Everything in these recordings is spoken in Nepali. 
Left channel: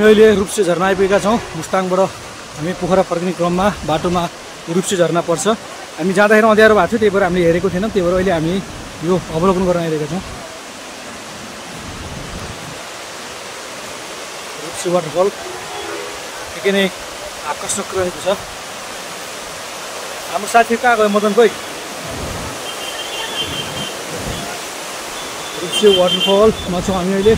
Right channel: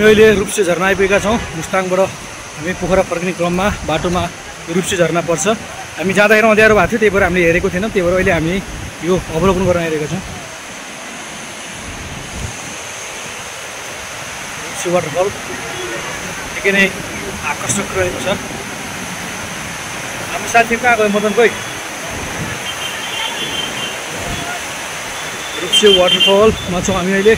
अहिले रूपसे झरना आइपुगेका छौँ। मुस्ताङबाट हामी पोखरा फर्किने क्रममा बाटोमा रूपसे झरना पर्छ। हामी जाँदाखेरि अँध्यारो भएको थियो, त्यही भएर हामीले हेरेको थिएनौँ। त्यही भएर अहिले हामी यो अवलोकन गर्न आइरहेका छौँ। रूपसे वाटरफल निकै नै आकर्षक रहेको छ। हाम्रो साथी कहाँ गयो मदन खोइ? रूपसे वाटरफलमा छौँ हामी अहिले।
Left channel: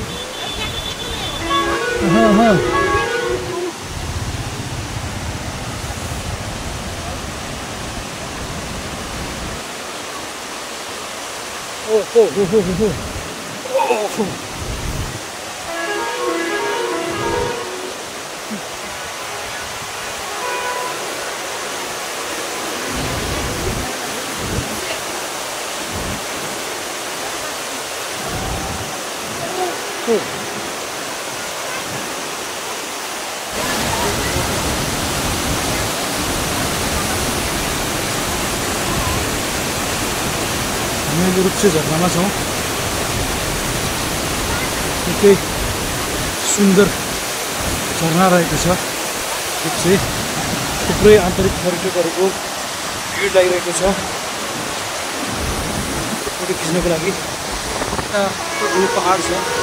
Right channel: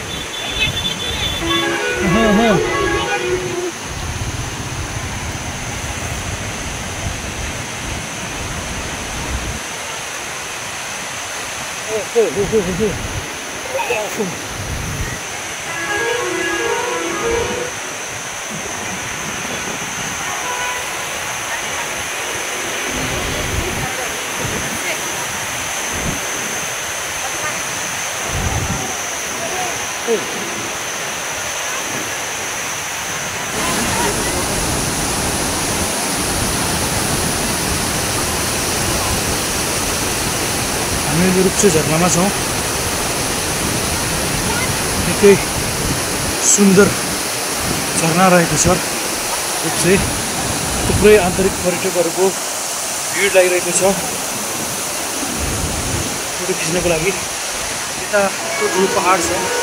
हामी अहिले रूपसे झरनामा छौँ। निकै सुन्दर झरना रहेको छ रूपसे। थुप्रै आन्तरिक पर्यटकहरूको भिड लागिरहेको छ फोटो खिच्नको लागि। यता ठुलो पहाड छ।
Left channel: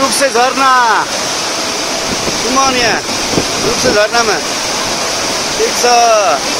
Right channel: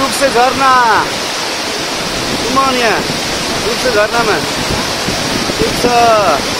रूपसे झरना घुमाउने रूपसे झरनामा ठिक छ।